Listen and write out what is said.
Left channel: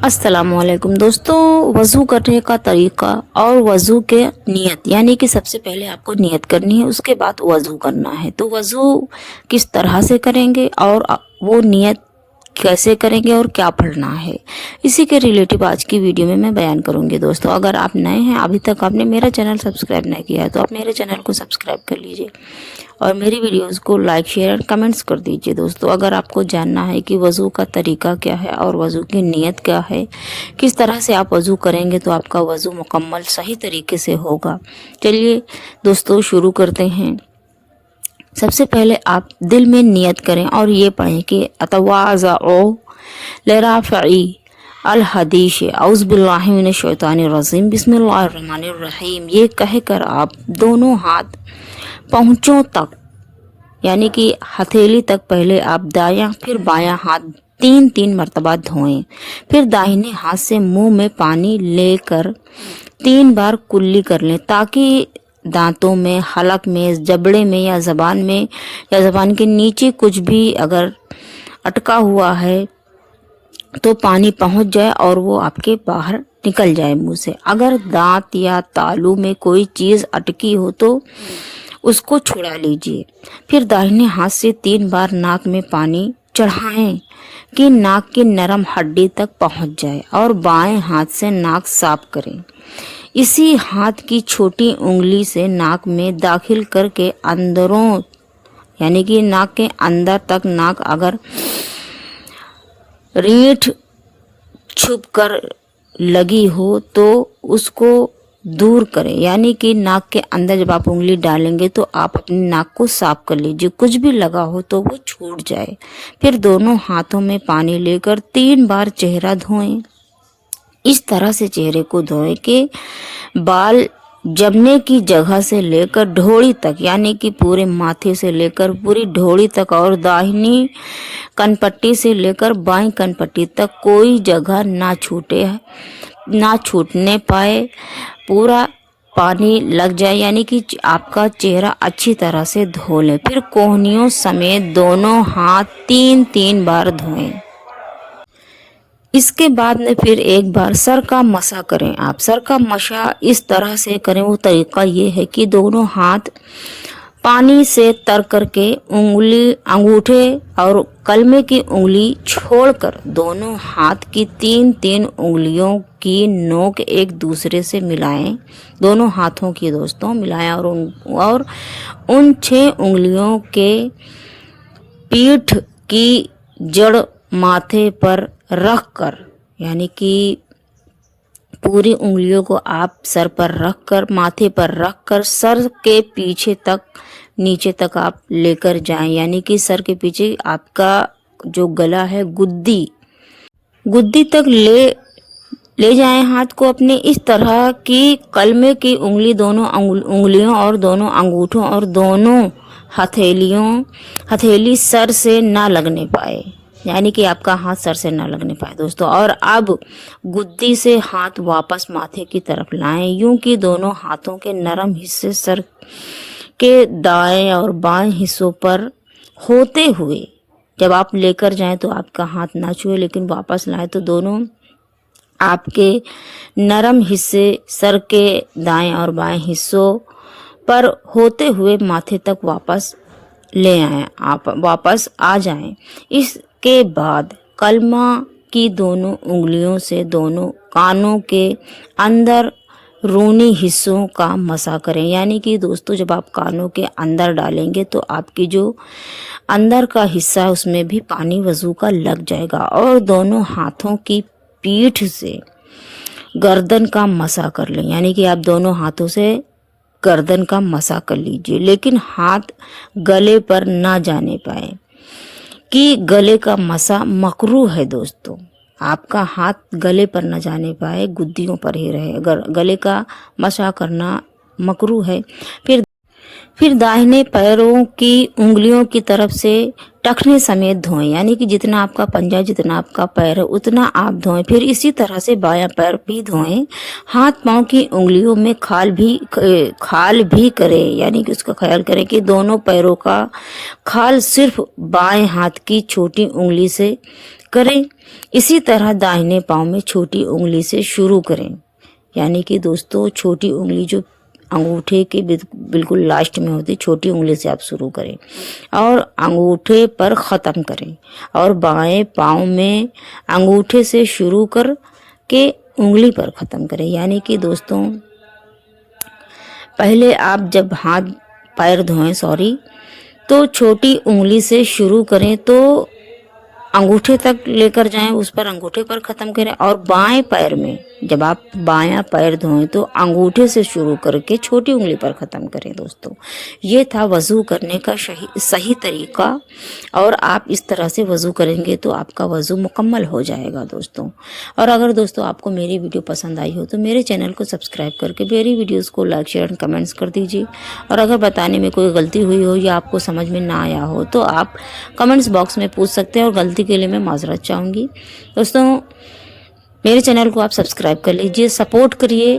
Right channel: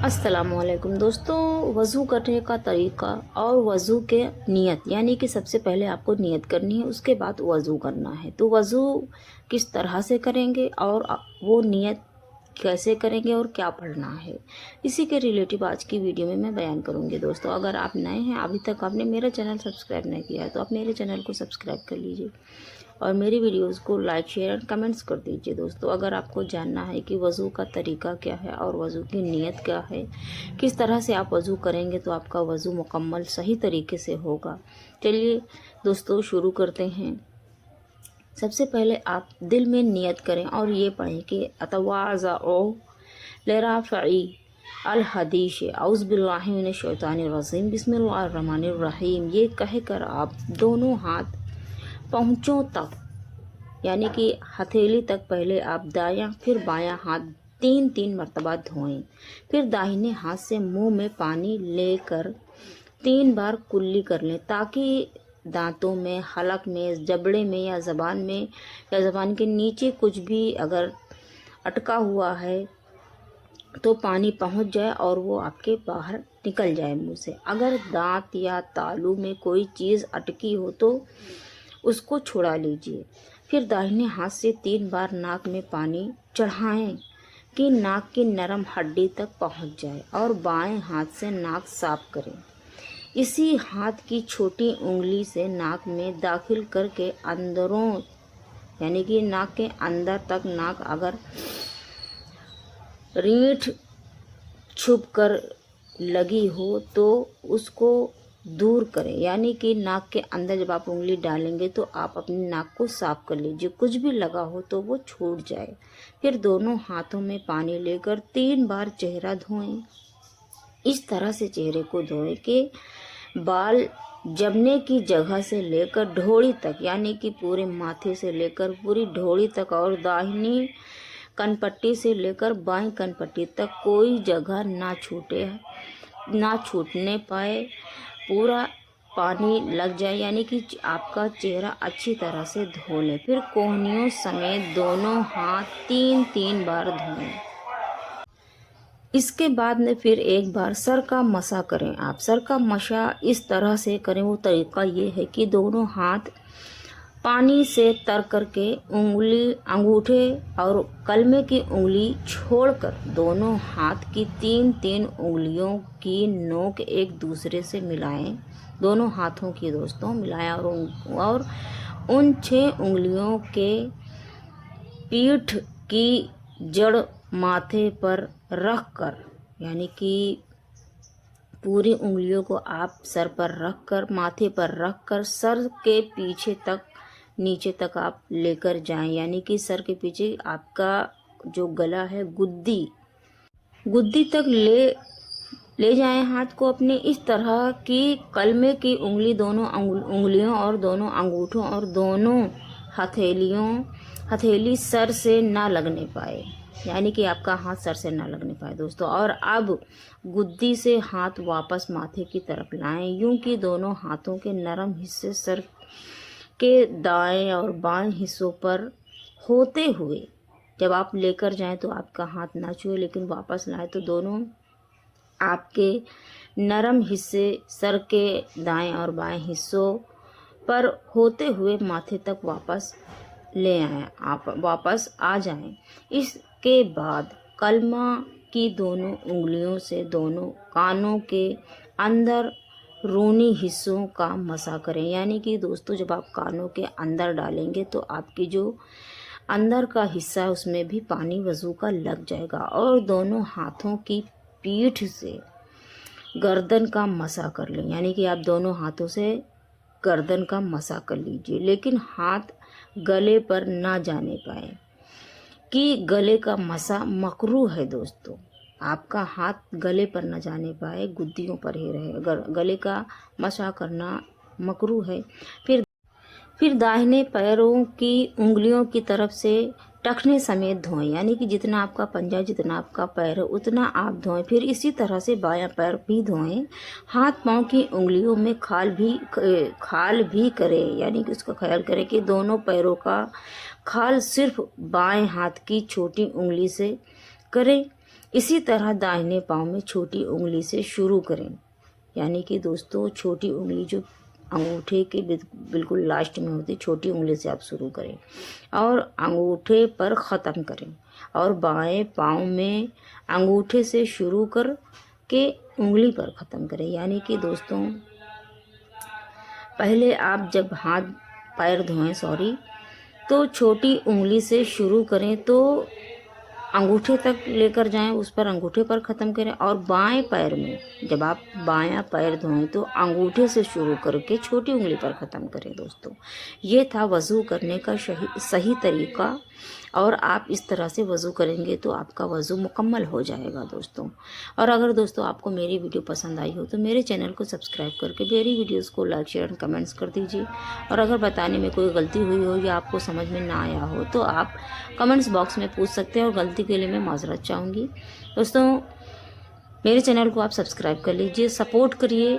अस्सलामुअलैकुम दोस्तों, वज़ू करने का तरीका और वज़ू के नियत यानी कि सबसे पहले आपको नियत करनी है, उसके बाद वज़ू करना है। तो वज़ू किस तरह से करेंगे और वो नियत कैसे करेंगे और क्या पढ़ना है, इसी के रिलेटिव आज की वीडियो में मैं बयान करूंगी। दोस्तों, अगर आप नए हैं, अभी तक आपने मेरा चैनल सब्सक्राइब नहीं किया है तो आप मेरे चैनल को सब्सक्राइब कर लीजिए और मेरी वीडियोस को लाइक शेयर और कमेंट्स कर दीजिए। दोस्तों, अगर आपको जानना है कि वज़ू का तरीका क्या है और वज़ू की नीयत क्या है, किस तरह से आप वज़ू करेंगे तो आपका वज़ू मुकम्मल सही तरीके से होगा। चलिए दोस्तों, शुरू करते हैं। सबसे पहले आप दिल में नियत करें और ये पढ़ें कि अतवाज़अ लिराफ़ई अल हदीश औज़ बिल्लाहि मिनश शैतानिर रजीम बिस्मिल्लाहिर रहमानिर रहीम। ये कहकर आप दोनों हाथ पहुँचों तक यानी कि हथेली तक पहले आप दायां फिर बायां हाथ तीन तीन मरतबा धोएं। फिर दाहिने हाथ से मुंह में पानी लेकर 3 बार कुल्ली कर लें ताकि दांतों में, हलक में, जबड़े में या ज़बान के नीचे कुछ भी अगर अटका हुआ है तो पानी पहुंच जाए और वो आपके बाहर निकल जाए मुंह से। अगर दांत या तालू में कोई चीज़ अटकी हो तो उसको छुड़ा लीजिए। फिर दाहिने हाथ से 3 बार नाक में पानी चढ़ाएं कि नाक की नरम हड्डी तक पहुंच जाए और बाएं हाथ से नाक साफ करें। इसी हाथ की छोटी उंगली से नाक में दाखिल करके अंदरों यानी कि नाक के अंदर तक, नाक अगर रीठ छुप कर लगी हो तो उसको दूर करें। यानी कि नाक के अंदर जब आप उंगली डालेंगे तो आप अपनी नाक को साफ कर लीजिए, कुछ भी लगा हो तो वो छूट जाए। फिर दोनों हाथों में पानी लेकर 3 बार चेहरा धोएं। इस तरह से चेहरे को धोएं कि बाल जमने की जगह से लेकर ढोड़ी तक यानी कि पूरे माथे से लेकर पूरी ढोड़ी तक और दाहिनी कनपट्टी से लेकर बाईं कनपट्टी तक कोई जगह ना छूटने पाए, पूरा पानी लग जाए यानी कि आपका चेहरा अच्छी तरह से धो लें। फिर कोहनियों समेत दोनों हाथ 3-3 बार धोएं। इसके बाद में फिर एक बार सर का मसा करें। आप सर का मसा इस तरह से करें, वो तरीका ये है कि दोनों हाथ पानी से तर करके अंगूठे और कलमे की उंगली छोड़कर दोनों हाथ की 3-3 उंगलियों की नोक एक दूसरे से मिलाएं। दोनों हाथों की दोस्तों मिलाएं और उन 6 उंगलियों के पीठ की जड़ माथे पर रख कर यानी कि पूरी उंगलियों को आप सर पर रख कर, माथे पर रख कर सर के पीछे तक, नीचे तक आप लेकर जाएं। यानी कि सर के पीछे आपका जो गला है गुद्दी तक ले जाएं हाथ को अपने, इस तरह की कलमे की उंगली दोनों उंगलियों और दोनों अंगूठों और दोनों हथेली सर से ना लगने पाए, यानी कि आपका हाथ सर से ना लगने पाए दोस्तों। और अब गुद्दी से हाथ वापस माथे की तरफ लाएं, यूं कि दोनों हाथों के नरम हिस्से सर के दाएं और बाएं हिस्सों पर होते हुए जब आप लेकर जाएं तो आपका हाथ ना छुए, लेकिन वापस लाएं तो दोनों आपके नरम हिस्से सर के दाएं और बाएं हिस्सों पर होते हुए माथे तक वापस ले आएं, आप वापस आ जाएं। इसके बाद कलमा की दोनों उंगलियों से दोनों कानों के अंदर रूनी हिस्सों का मसा करें। यानी कि दोस्तों, जब आप कानों के अंदर डालेंगे तो आपकी जो अंदर का हिस्सा है उसमें भी पानी वज़ू का लग जाएगा। और दोनों हाथों की पीठ से गर्दन का मसा कर लें, यानी कि आप दोनों हाथों से गर्दन का मसा कर लीजिए, लेकिन हाथ गले पर ना जाने पाए कि गले का मसा मकरूह है दोस्तों। आपका हाथ गले पर न जाने पाए, गुद्दियों पर ही रहे, अगर गले का मसा करना मकरूह है। फिर दाहिने पैरों की उंगलियों की तरफ से टखने समेत धोएं, यानी कि जितना आपका पंजा, जितना आपका पैर है उतना आप धोएं। फिर इसी तरह से बायां पैर भी धोएं। हाथ पांव की उंगलियों में खाल भी करें, यानी कि उसका ख्याल करें कि दोनों पैरों का खाल सिर्फ बाएं हाथ की छोटी उंगली से करें। इसी तरह दाहिने पाँव में छोटी उंगली से शुरू करें, यानी कि दोस्तों छोटी उंगली जो अंगूठे के बिल्कुल लास्ट में होती, छोटी उंगली से आप शुरू करें और अंगूठे पर ख़त्म करें। और बाएं पाँव में अंगूठे से शुरू कर के उंगली पर ख़त्म करें, यानी कि दोस्तों पहले आप जब हाथ पैर धोएं तो छोटी उंगली से शुरू करें, तो अंगूठे तक लेकर जाएं, उस पर अंगूठे पर ख़त्म करें। और बाएं पैर में जब आप बायां पैर धोएं तो अंगूठे से शुरू करके छोटी उंगली पर ख़त्म करें। दोस्तों ये था वज़ू करने का सही तरीका, और आप इस तरह से वज़ू करेंगे तो आपका वज़ू मुकम्मल हो जाएगा दोस्तों। और अगर दोस्तों आपको मेरी वीडियो पसंद आई हो तो मेरे चैनल को सब्सक्राइब करके मेरी वीडियोज़ को लाइक शेयर एंड कमेंट्स कर दीजिए। और अगर बताने में कोई गलती हुई हो या आपको समझ में ना आया हो तो आप कमेंट्स बॉक्स में पूछ सकते हैं, और गलती के लिए मैं माजरत चाहूँगी। दोस्तों मेरे चैनल को आप सब्सक्राइब कर लीजिए, सपोर्ट करिए